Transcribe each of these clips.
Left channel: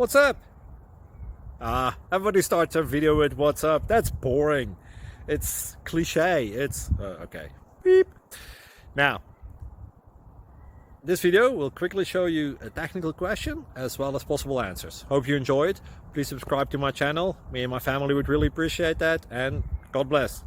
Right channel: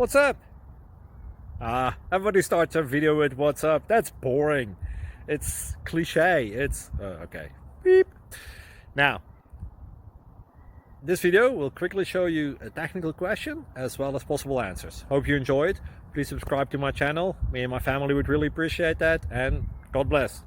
What's up? Everybody starts a video with what's up. That's boring. It's cliche. It's okay. Beep. Now, this video will quickly show you a technical question as well as possible answers. Hope you enjoy it. Please subscribe to my channel. Me and my family would really appreciate that, and God bless.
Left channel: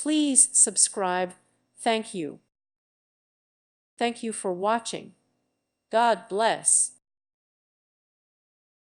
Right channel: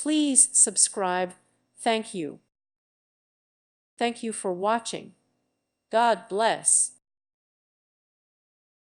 Please subscribe. Thank you. Thank you for watching. God bless.